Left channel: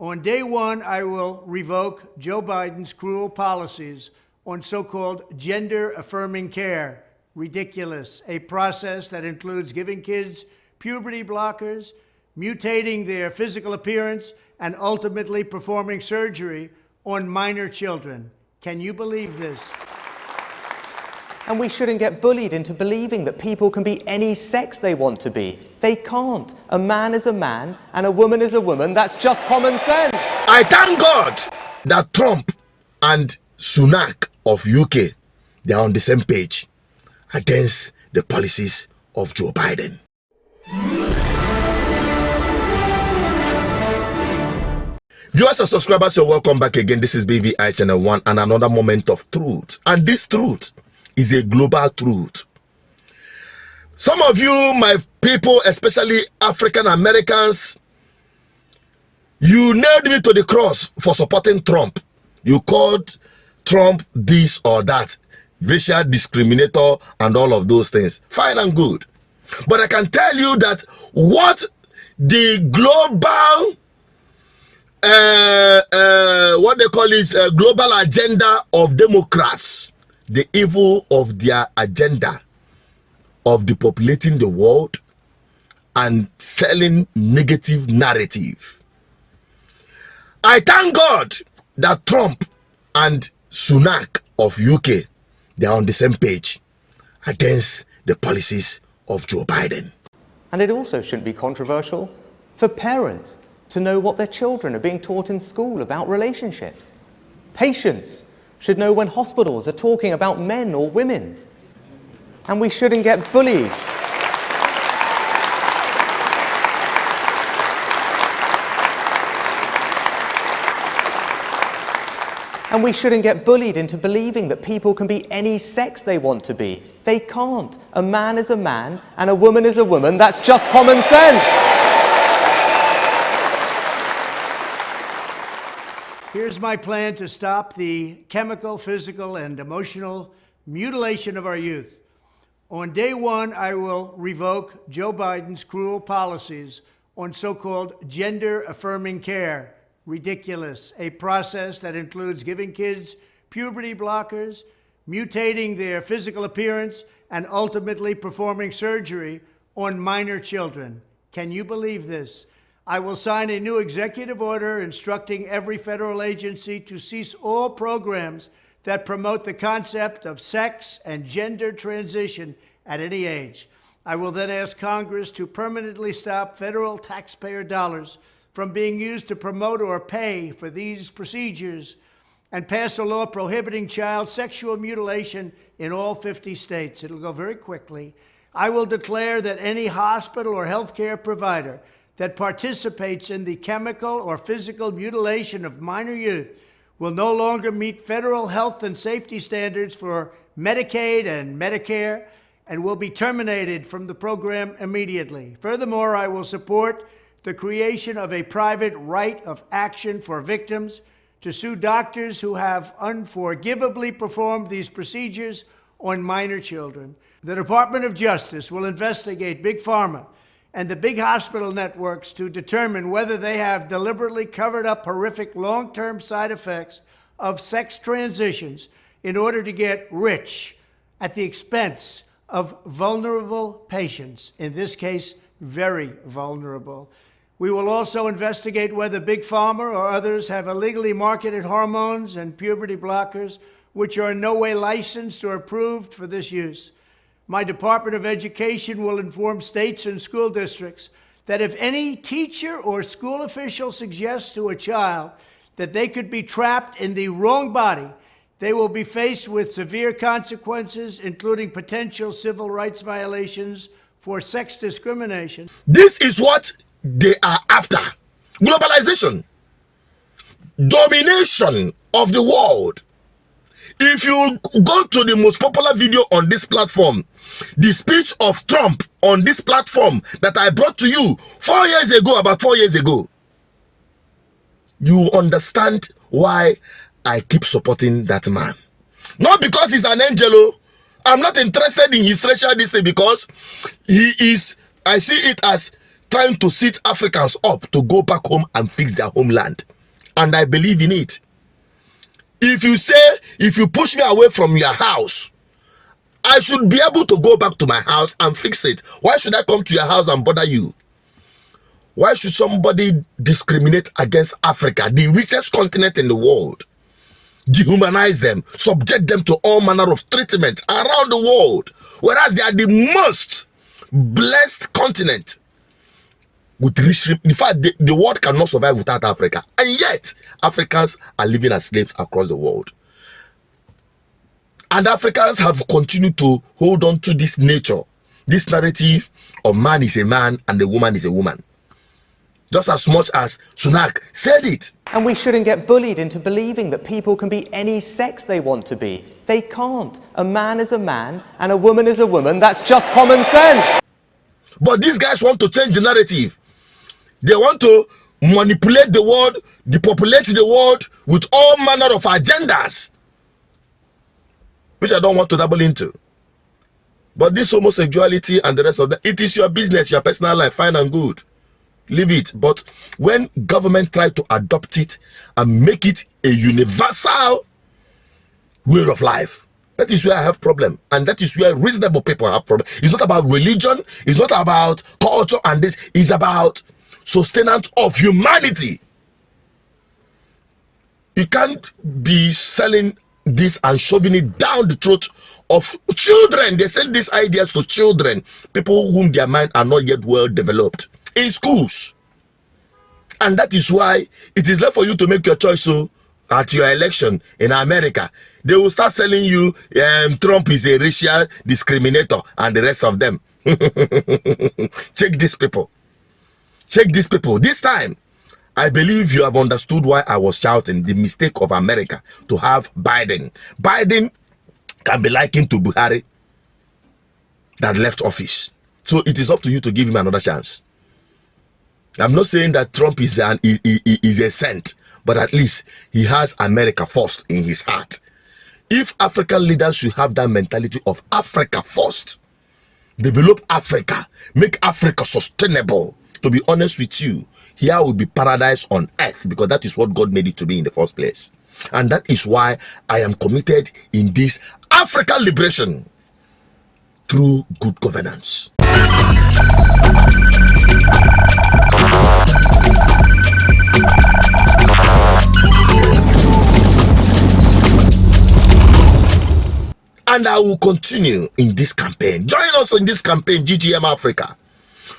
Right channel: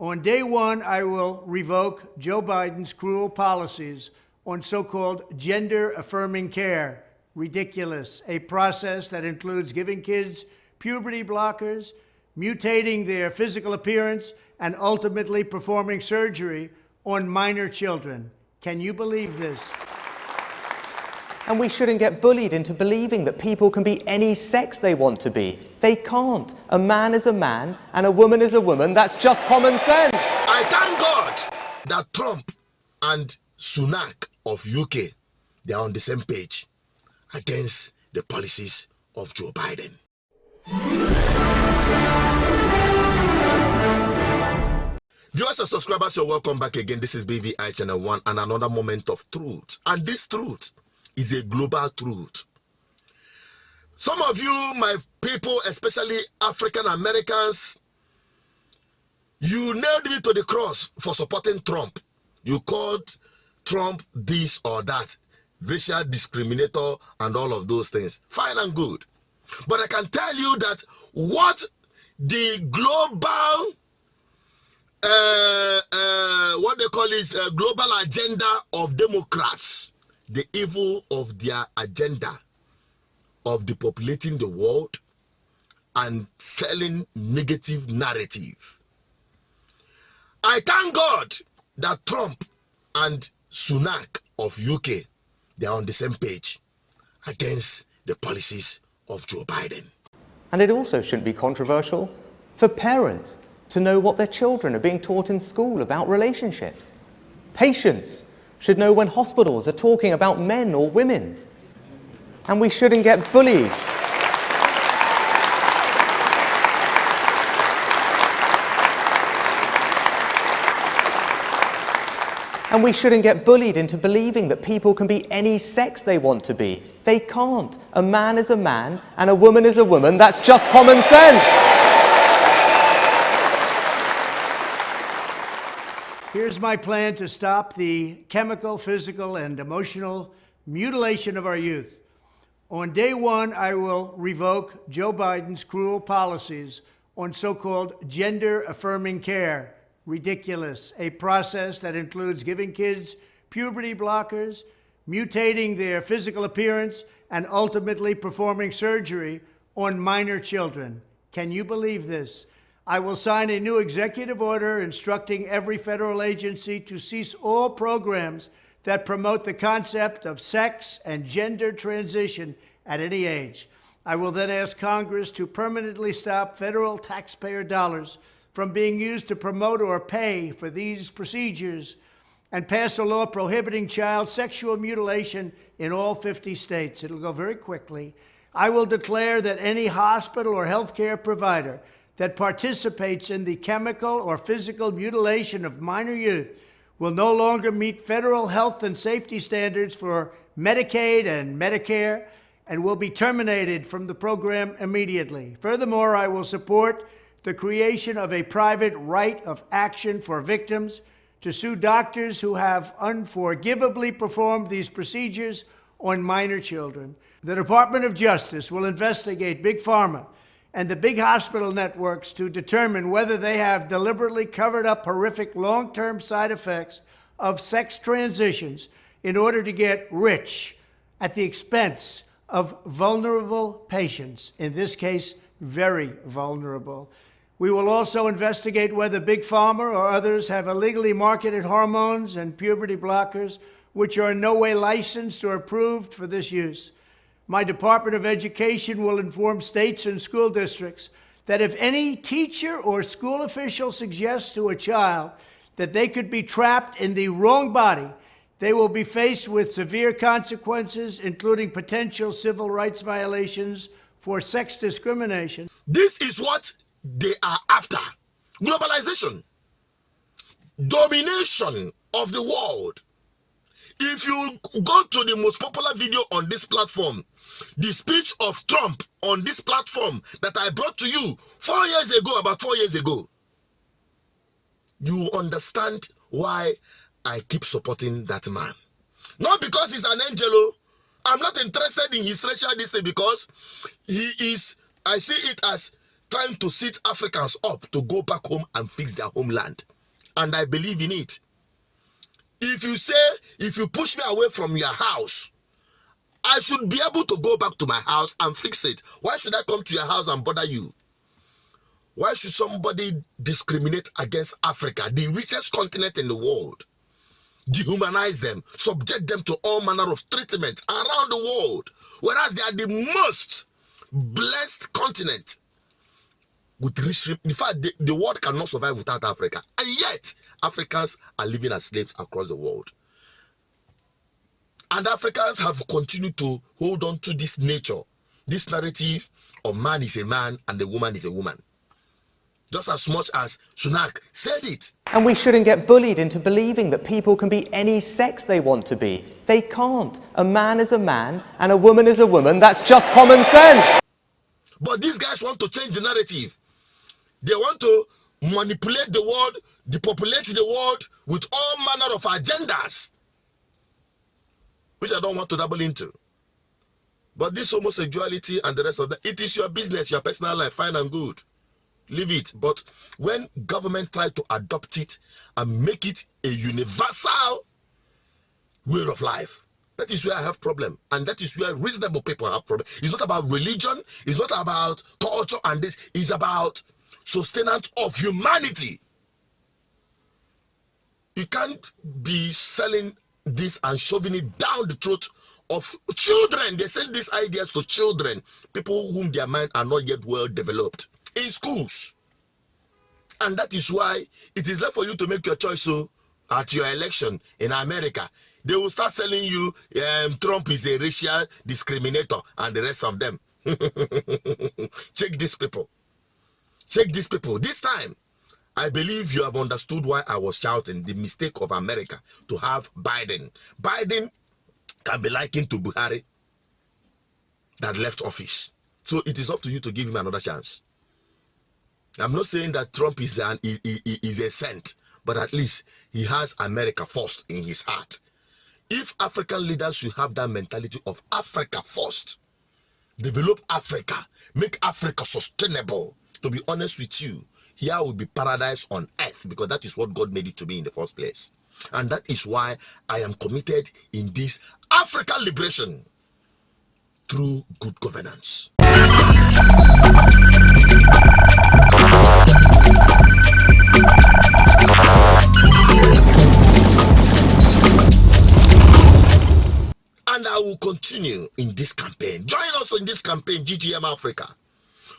On day one, I will revoke Joe Biden's cruel policies on so-called gender-affirming care. Ridiculous. A process that includes giving kids puberty blockers, mutating their physical appearance, and ultimately performing surgery on minor children. Can you believe this? And we shouldn't get bullied into believing that people can be any sex they want to be. They can't. A man is a man and a woman is a woman. That's just common sense. I thank God that Trump and Sunack of UK, they are on the same page against the policies of Joe Biden. Viewers and subscribers, you're welcome back again. This is BVI Channel 1 and another moment of truth. And this truth is a global truth. Some of you, my people, especially African Americans, you nailed me to the cross for supporting Trump. You called Trump this or that, racial discriminator and all of those things. Fine and good. But I can tell you that what the global what they call is global agenda of Democrats, the evil of their agenda of depopulating the world and selling negative narrative. I thank God that Trump and Sunack of UK, they are on the same page against the policies of Joe Biden. And it also shouldn't be controversial for parents to know what their children are being taught in school about relationships. Patients should know when hospitals are talking about men or women. And we shouldn't get bullied. And we shouldn't get bullied into believing that people can be any sex they want to be. They can't. A man is a man and a woman is a woman. That's just common sense. Here's my plan to stop the chemical, physical, and emotional mutilation of our youth. On day one, I will revoke Joe Biden's cruel policies on so-called gender-affirming care. Ridiculous. A process that includes giving kids puberty blockers, mutating their physical appearance, and ultimately performing surgery on minor children. Can you believe this? I will sign a new executive order instructing every federal agency to cease all programs that promote the concept of sex and gender transition at any age. I will then ask Congress to permanently stop federal taxpayer dollars from being used to promote or pay for these procedures and pass a law prohibiting child sexual mutilation in all 50 states. It'll go very quickly. I will declare that any hospital or healthcare provider that participates in the chemical or physical mutilation of minor youth will no longer meet federal health and safety standards for Medicaid and Medicare and will be terminated from the program immediately. Furthermore, I will support the creation of a private right of action for victims to sue doctors who have unforgivably performed these procedures on minor children. The Department of Justice will investigate Big Pharma and the big hospital networks to determine whether they have deliberately covered up horrific long-term side effects of sex transitions in order to get rich at the expense of vulnerable patients, in this case, very vulnerable. We will also investigate whether Big Pharma or others have illegally marketed hormones and puberty blockers, which are in no way licensed or approved for this use. My Department of Education will inform states and school districts that if any teacher or school official suggests to a child that they could be trapped in the wrong body, they will be faced with severe consequences, including potential civil rights violations for sex discrimination. This is what they are after. Globalization. Domination of the world. If you go to the most popular video on this platform, the speech of Trump on this platform that I brought to you 4 years ago, about 4 years ago, you understand why I keep supporting that man. Not because he's an angel. I'm not interested in his racial distance because he is, I see it as trying to sit Africans up to go back home and fix their homeland. And I believe in it. If you push me away from your house, I should be able to go back to my house and fix it. Why should I come to your house and bother you? Why should somebody discriminate against Africa, the richest continent in the world? Dehumanize them, subject them to all manner of treatment around the world, whereas they are the most blessed continent with rich. In fact, the world cannot survive without Africa, and yet Africans are living as slaves across the world. And Africans have continued to hold on to this nature, this narrative of man is a man and a woman is a woman, just as much as Sunack said it. And we shouldn't get bullied into believing that people can be any sex they want to be. They can't. A man is a man and a woman is a woman. That's just common sense. But these guys want to change the narrative. They want to manipulate the world, depopulate the world with all manner of agendas, which I don't want to dabble into. But this homosexuality and the rest of that, it is your business, your personal life, fine and good. Leave it. But when government try to adopt it and make it a universal way of life, that is where I have problem. And that is where reasonable people have problem. It's not about religion. It's not about culture and this. It's about sustenance of humanity. You can't be selling this and shoving it down the throat of children. They sell these ideas to children, people whom their mind are not yet well developed, in schools. And that is why it is left for you to make your choice. So at your election in America, they will start selling you Trump is a racial discriminator and the rest of them. Check these people. Check these people. This time, I believe you have understood why I was shouting the mistake of America to have Biden. Biden can be likened to Buhari that left office. So it is up to you to give him another chance. I'm not saying that Trump is a saint, but at least he has America first in his heart. If African leaders should have that mentality of Africa first, develop Africa, make Africa sustainable, to be honest with you, here will be paradise on earth, because that is what God made it to be in the first place. And that is why I am committed in this African liberation through good governance. And I will continue in this campaign. Join us in this campaign, GGM Africa.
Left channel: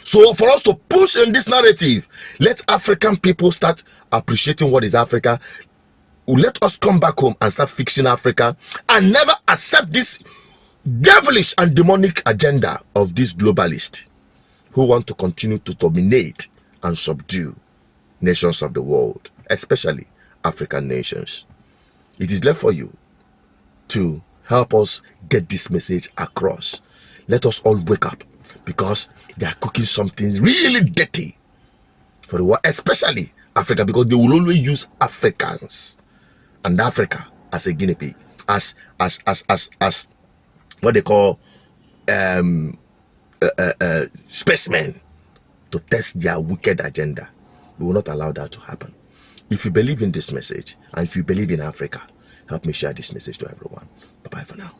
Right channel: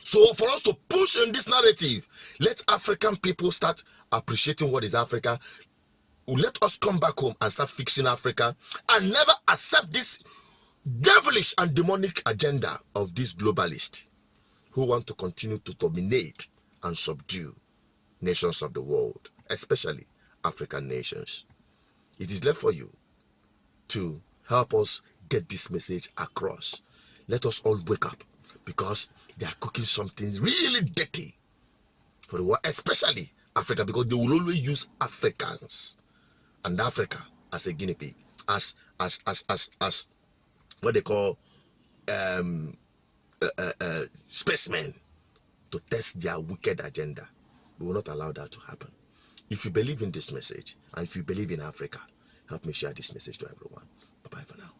So for us to push in this narrative, let African people start appreciating what is Africa. Let us come back home and start fixing Africa and never accept this devilish and demonic agenda of these globalists who want to continue to dominate and subdue nations of the world, especially African nations. It is left for you to help us get this message across. Let us all wake up, because they are cooking something really dirty for the world, especially Africa, because they will always use Africans and Africa as a guinea pig, as what they call spacemen to test their wicked agenda. We will not allow that to happen. If you believe in this message and if you believe in Africa, help me share this message to everyone. Bye-bye for now.